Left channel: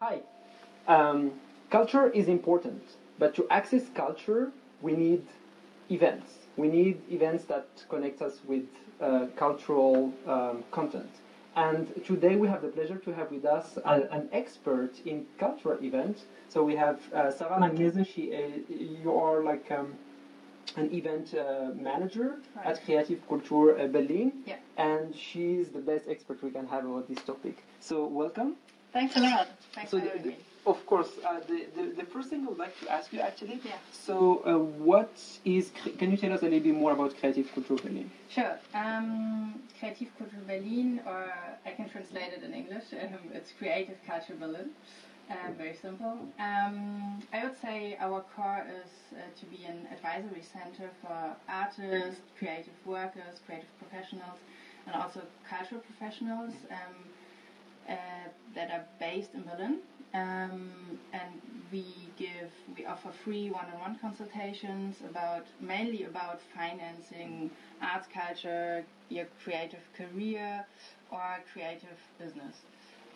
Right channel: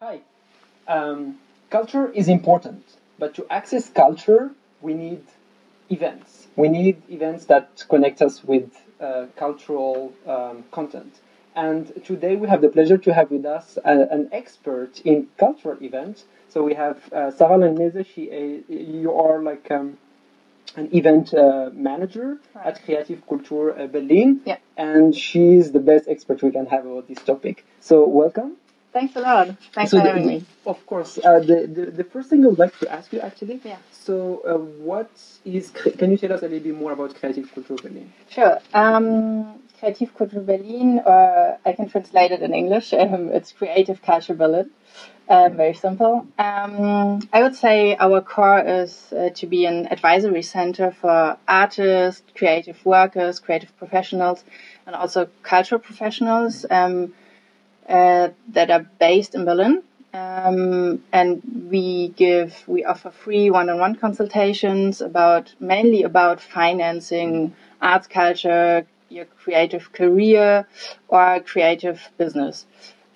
Hi. Culture is important, but to access culture, we need events. We need events that connect us with cultural content. And today we have the pleasure to have with us an expert in cultural events. So we have Sarah Langnese. You are like an event manager at Kreativ Kultur Berlin. Yeah. And she's the best expert we can have about this topic. So welcome. Thanks a lot. Thanks for having me. Of course. The first thing I would like to ask you, actually. Yeah. So, can you tell us a little bit more about Kreativ Kultur Berlin? Sure. Kreativ Kultur Berlin, or I can translate it in English. It's Creative Culture Berlin. Very simple. I would say our core is to be an advisory center for artists, creative workers, creative professionals, and also cultural professionals that are based in Berlin. And we offer free one-on-one consultations mainly about financing arts, culture, your creative career, or creative business.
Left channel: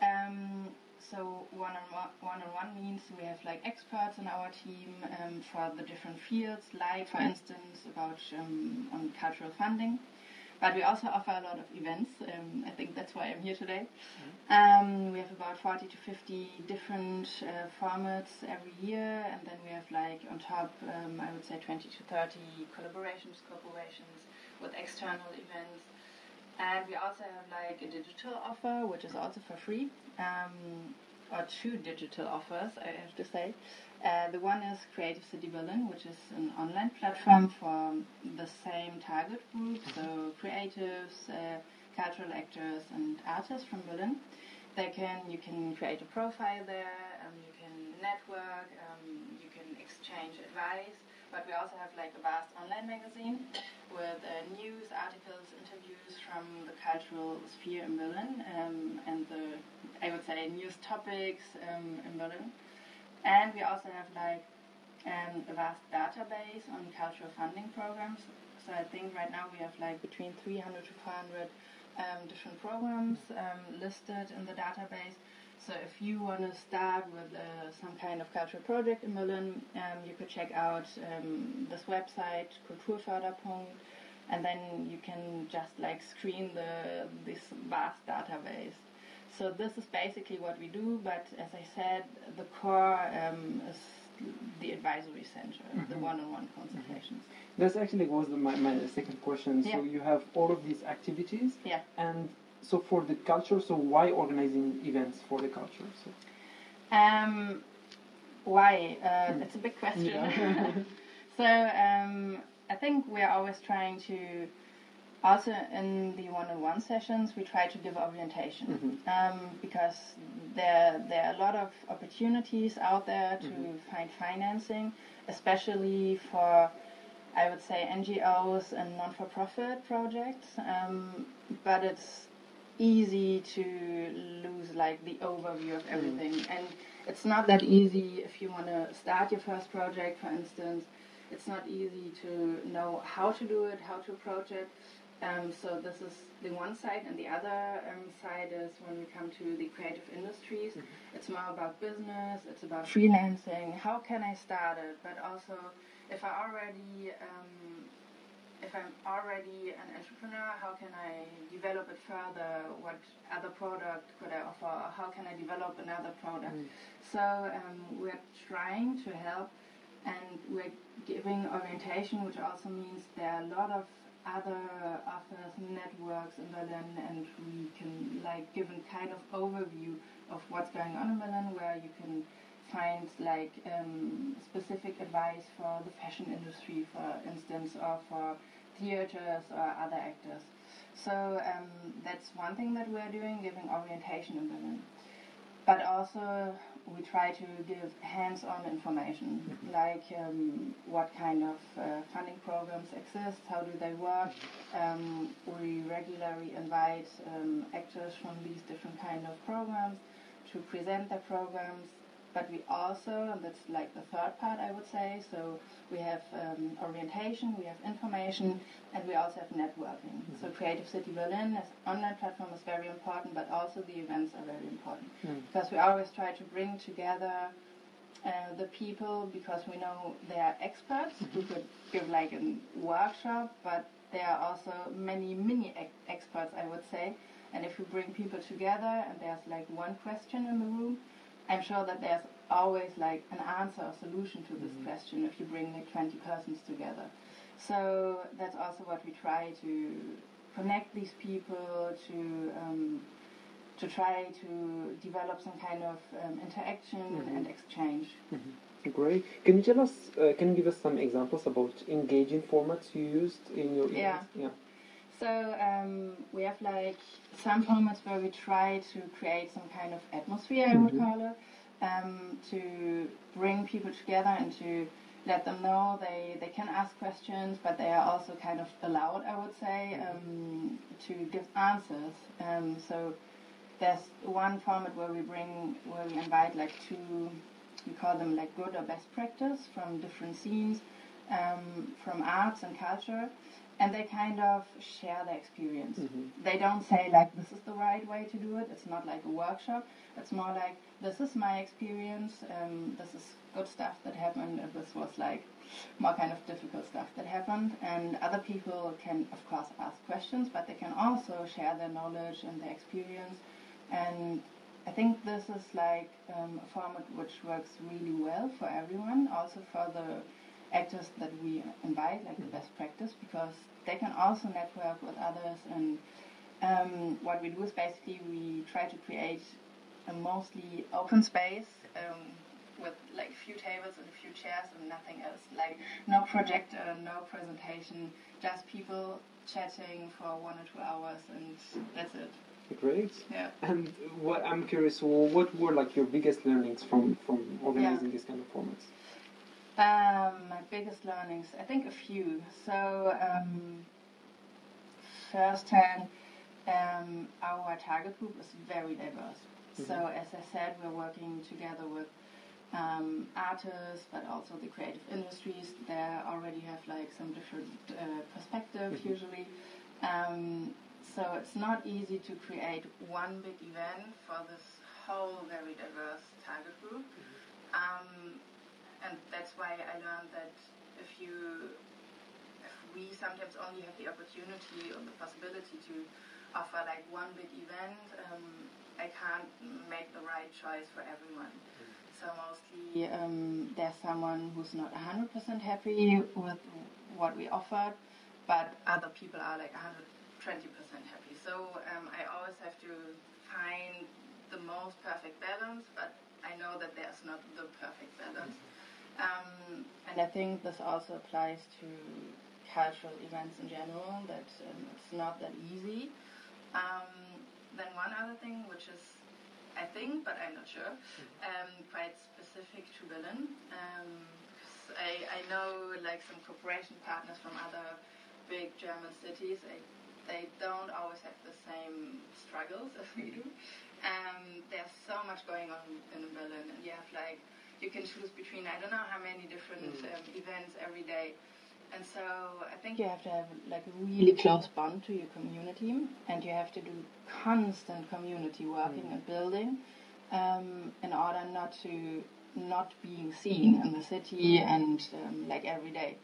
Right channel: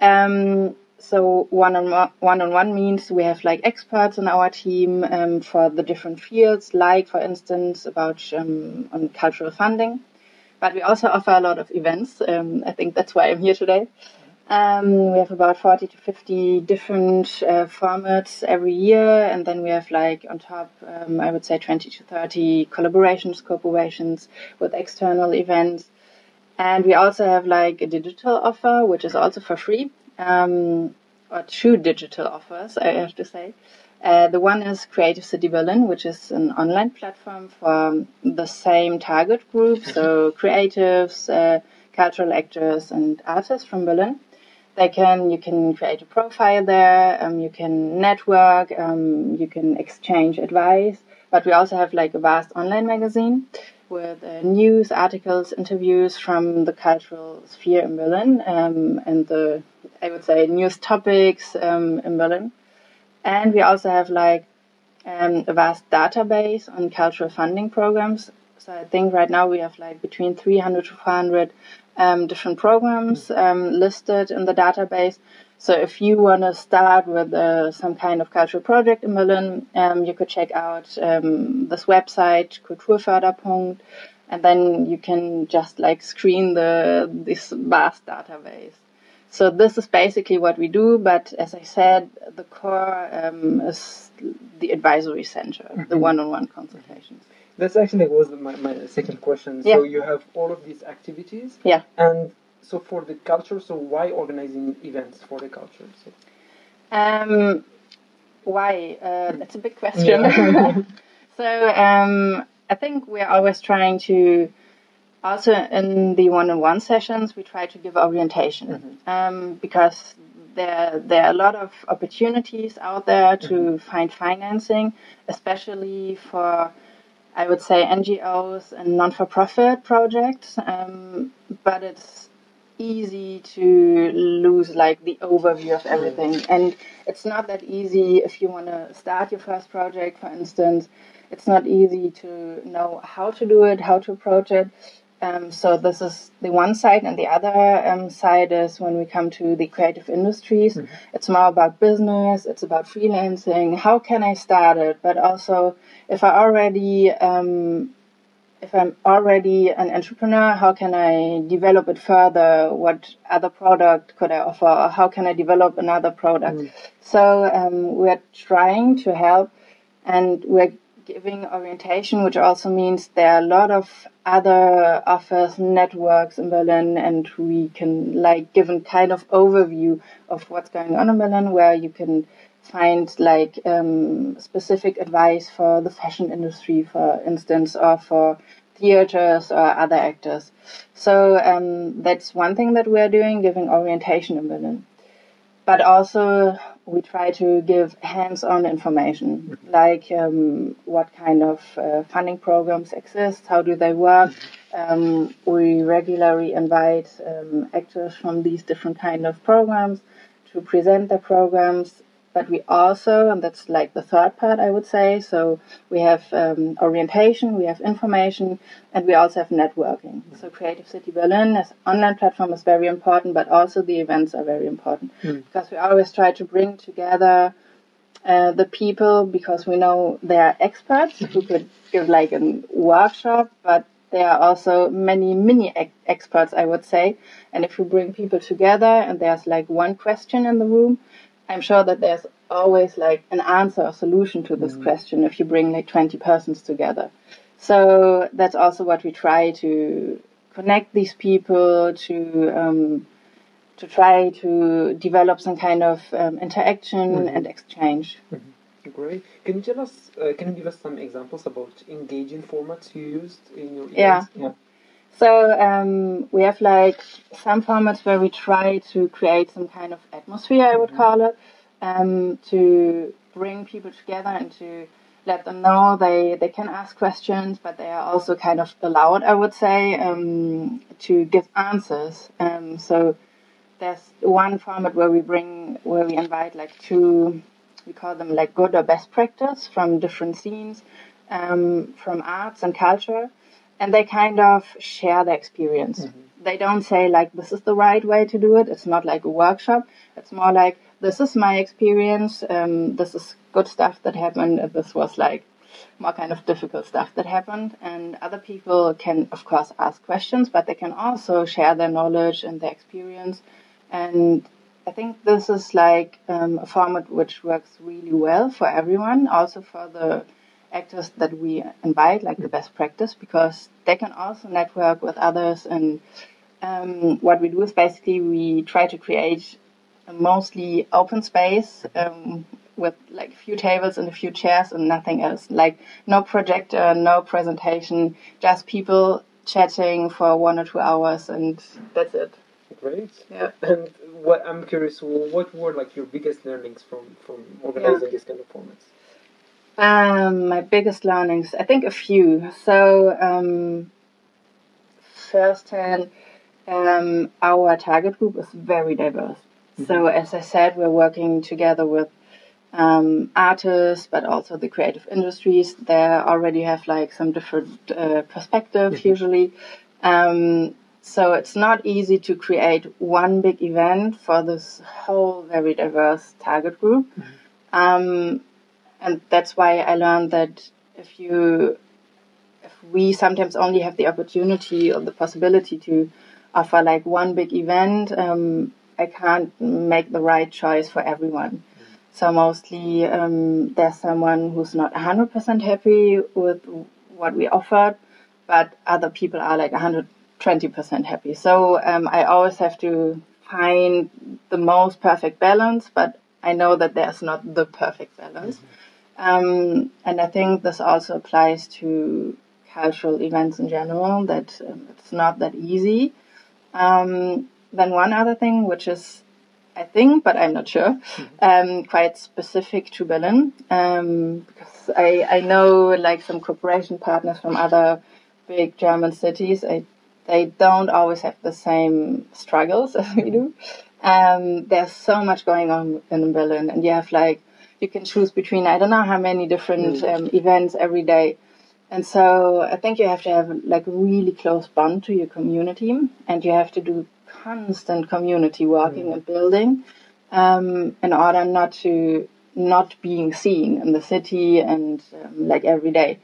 So one-on-one means we have like experts on our team for the different fields, like for instance about on cultural funding. But we also offer a lot of events. I think that's why I'm here today. We have about 40 to 50 different formats every year, and then we have like on top, I would say 20 to 30 cooperations with external events. And we also have like a digital offer, which is also for free, or two digital offers, I have to say. The one is Creative City Berlin, which is an online platform for the same target group, so creatives, cultural actors, and artists from Berlin. You can create a profile there, you can network, you can exchange advice, but we also have like a vast online magazine with news, articles, interviews from the cultural sphere in Berlin, and I would say news topics in Berlin. And we also have like a vast database on cultural funding programs. So I think right now we have like between 300 to 400 different programs listed in the database. So if you want to start with some kind of cultural project in Berlin, you could check out this website, Kulturförderpunkt, and then you can just like screen this vast database. So this is basically what we do, but as I said, the core is the advisory center, the one-on-one consultations. That's actually was my second question. Yeah. So you have all of these activities. Yeah. And so for the culture, so why organizing events for the culture? So. Why? That's a big question. Yeah. So I think we're always trying to, also in the one-on-one sessions, we try to give orientation because there are a lot of opportunities out there to find financing, especially for, I would say, NGOs and non-for-profit projects, but it's easy to lose like the overview of everything. And it's not that easy if you want to start your first project, for instance. It's not easy to know how to do it, how to approach it. So this is the one side, and the other side is when we come to the creative industries. It's more about business, it's about freelancing. How can I start it? But also, if I'm already an entrepreneur, how can I develop it further? What other product could I offer? Or how can I develop another product? So we're trying to help, and we're giving orientation, which also means there are a lot of other offers, networks in Berlin, and we can like give a kind of overview of what's going on in Berlin, where you can find like specific advice for the fashion industry, for instance, or for theaters or other actors. So that's one thing that we're doing, giving orientation in Berlin. But also we try to give hands-on information, like what kind of funding programs exist, how do they work. We regularly invite actors from these different kind of programs to present their programs. but we also, and that's like the third part, I would say, so we have orientation, we have information, and we also have networking. So Creative City Berlin as online platform is very important, but also the events are very important because we always try to bring together the people, because we know they are experts who could give like a workshop, but there are also many mini experts, I would say. And if we bring people together and there's like one question in the room, I'm sure that there's always like an answer or solution to this question if you bring like 20 persons together. So that's also what we try to connect these people to try to develop some kind of interaction and exchange. Great. Can you tell us? Can you give us some examples about engaging formats you used in your events? Yeah. So we have like some formats where we try to create some kind of atmosphere, I would call it, to bring people together and to let them know they can ask questions, but they are also kind of allowed, I would say, to give answers. So there's one format where we invite like we call them like good or best practice from different scenes, from arts and culture, and they kind of share their experience. They don't say like this is the right way to do it. It's not like a workshop. It's more like this is my experience. This is good stuff that happened. This was like more kind of difficult stuff that happened. And other people can of course ask questions, but they can also share their knowledge and their experience. And I think this is like a format which works really well for everyone, also for the actors that we invite, like the best practice, because they can also network with others. And what we do is basically we try to create a mostly open space with like a few tables and a few chairs and nothing else. Like no projector, no presentation, just people chatting for 1 or 2 hours, and that's it. Great. Yeah. And what I'm curious, what were like your biggest learnings from organizing this kind of formats? My biggest learnings, I think a few. So firsthand, our target group is very diverse. So as I said, we're working together with artists, but also the creative industries. They already have like some different perspectives usually. So it's not easy to create one big event for this whole very diverse target group. And that's why I learned that if we sometimes only have the opportunity or the possibility to offer like one big event, I can't make the right choice for everyone. So mostly there's someone who's not 100% happy with what we offered, but other people are like 120% happy. So I always have to find the most perfect balance, but I know that there's not the perfect balance. And I think this also applies to cultural events in general, that it's not that easy. Then one other thing, which is, I think, but I'm not sure, quite specific to Berlin, because I know like some cooperation partners from other big German cities, they don't always have the same struggles as we do. There's so much going on in Berlin, and you can choose between I don't know how many different events every day. And so I think you have to have like a really close bond to your community, and you have to do constant community working and building in order not being seen in the city and like every day.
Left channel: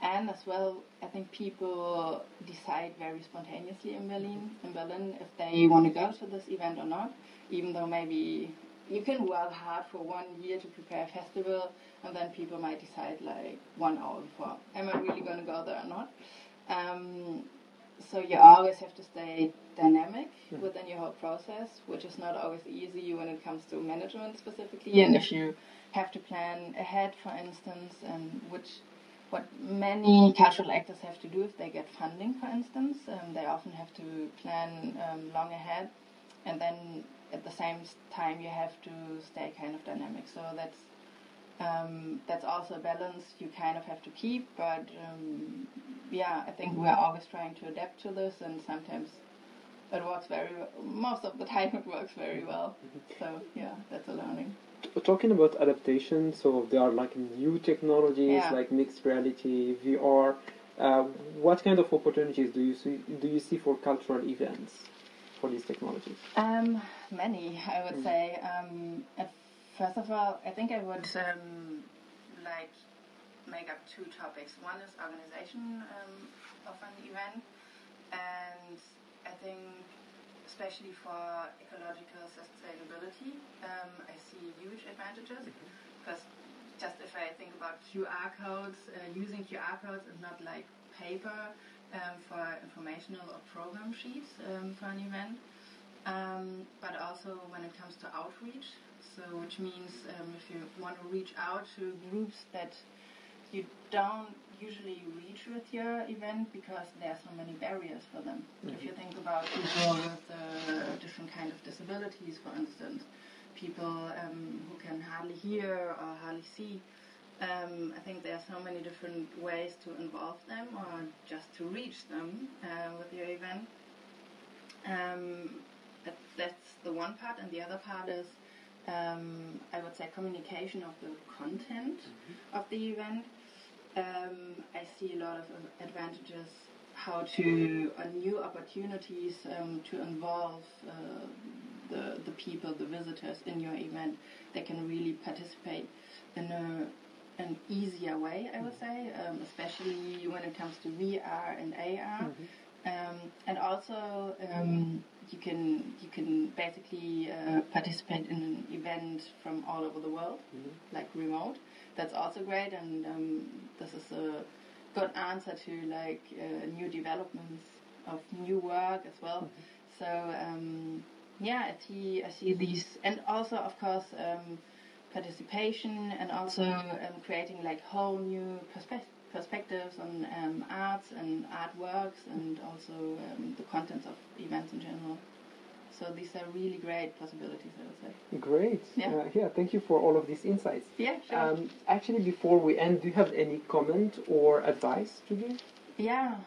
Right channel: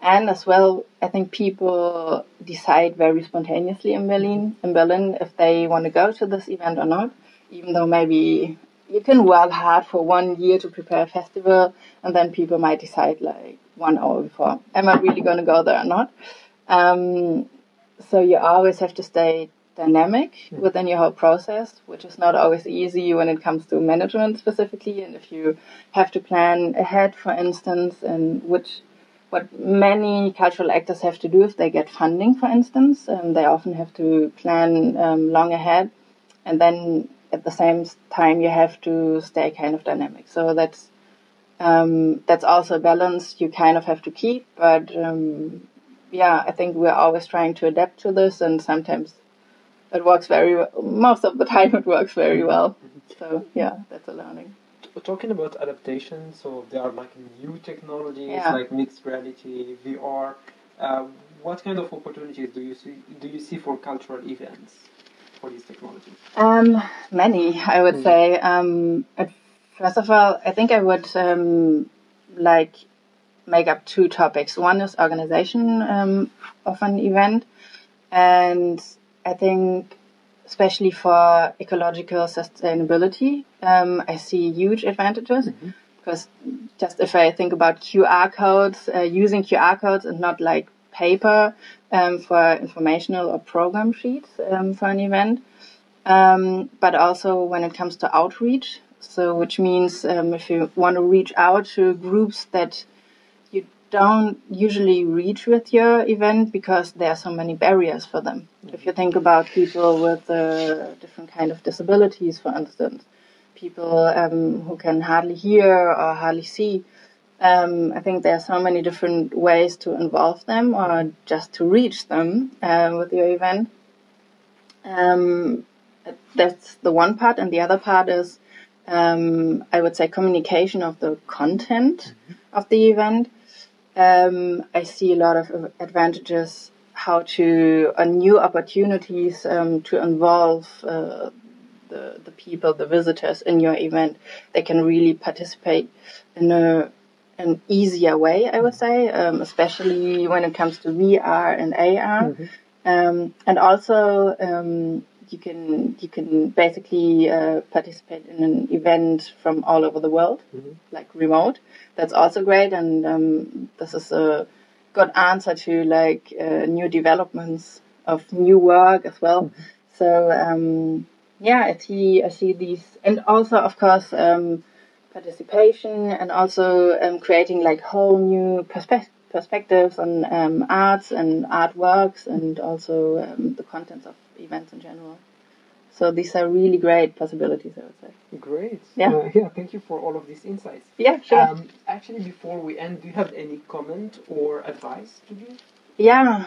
And as well, I think people decide very spontaneously in Berlin if they want to go to this event or not, even though maybe you can work hard for 1 year to prepare a festival, and then people might decide like 1 hour before, am I really going to go there or not? So you always have to stay dynamic within your whole process, which is not always easy when it comes to management specifically. And if you have to plan ahead, for instance, and what many cultural actors have to do if they get funding, for instance, they often have to plan long ahead, and then at the same time you have to stay kind of dynamic. So that's also a balance you kind of have to keep. But I think we're always trying to adapt to this, and sometimes it works most of the time it works very well. So yeah, that's a learning. Talking about adaptation, so there are like new technologies like mixed reality, VR. What kind of opportunities do you see for cultural events for these technologies? Many, I would say. First of all, I think I would like make up two topics. One is organization of an event, and I think especially for ecological sustainability, I see huge advantages. Because just if I think about QR codes, using QR codes and not like paper for informational or program sheets for an event, but also when it comes to outreach. So which means if you want to reach out to groups that you don't usually reach with your event because there are so many barriers for them. If you think about people with different kind of disabilities, for instance, people who can hardly hear or hardly see, I think there are so many different ways to involve them or just to reach them with your event. That's the one part, and the other part is I would say communication of the content of the event. I see a lot of advantages new opportunities to involve the people, the visitors in your event. They can really participate in an easier way, I would say, especially when it comes to VR and AR. And also you can basically participate in an event from all over the world, like remote. That's also great, and this is a good answer to like new developments of new work as well. So I see these, and also of course participation, and also creating like whole new perspectives on arts and artworks, and also the contents of events in general. So these are really great possibilities, I would say. Great. Yeah. Thank you for all of these insights. Yeah, sure. Actually, before we end, do you have any comment or advice to give? Yeah.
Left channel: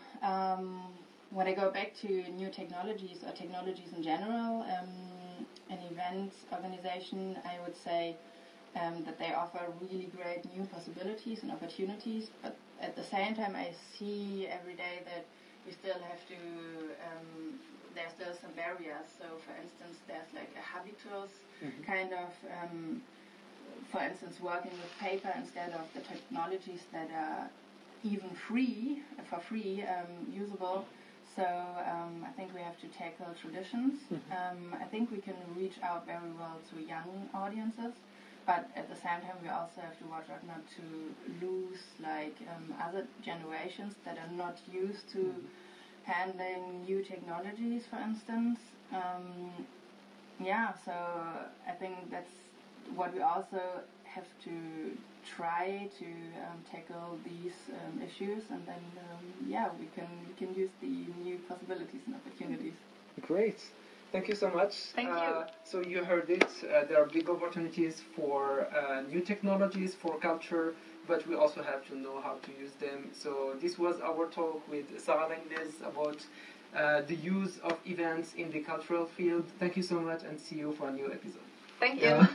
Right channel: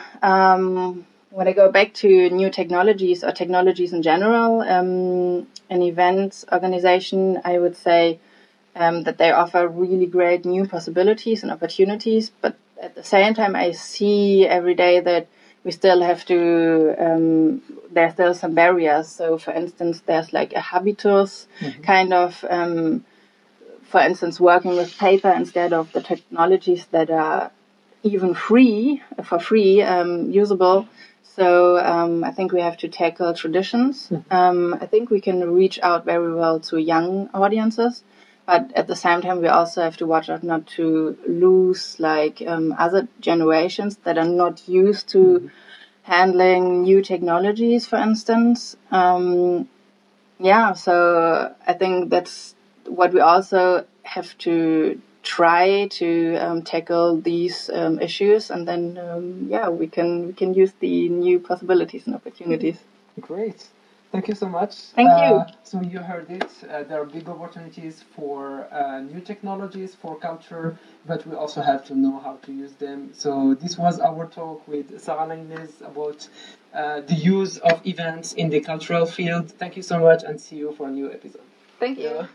When I go back to new technologies or technologies in general, an event organization, I would say that they offer really great new possibilities and opportunities. But at the same time, I see every day that we still have to, there's still some barriers. So, for instance, there's like a habitus kind of, for instance, working with paper instead of the technologies that are even for free, usable. So I think we have to tackle traditions. I think we can reach out very well to young audiences, but at the same time we also have to watch out not to lose like other generations that are not used to handling new technologies, for instance. So I think that's what we also have to try to tackle these issues, and then we can use the new possibilities and opportunities. Great. Thank you so much. Thank you. So you heard it. There are big opportunities for new technologies, for culture, but we also have to know how to use them. So this was our talk with Sarah Langnese about the use of events in the cultural field. Thank you so much, and see you for a new episode. Thank you.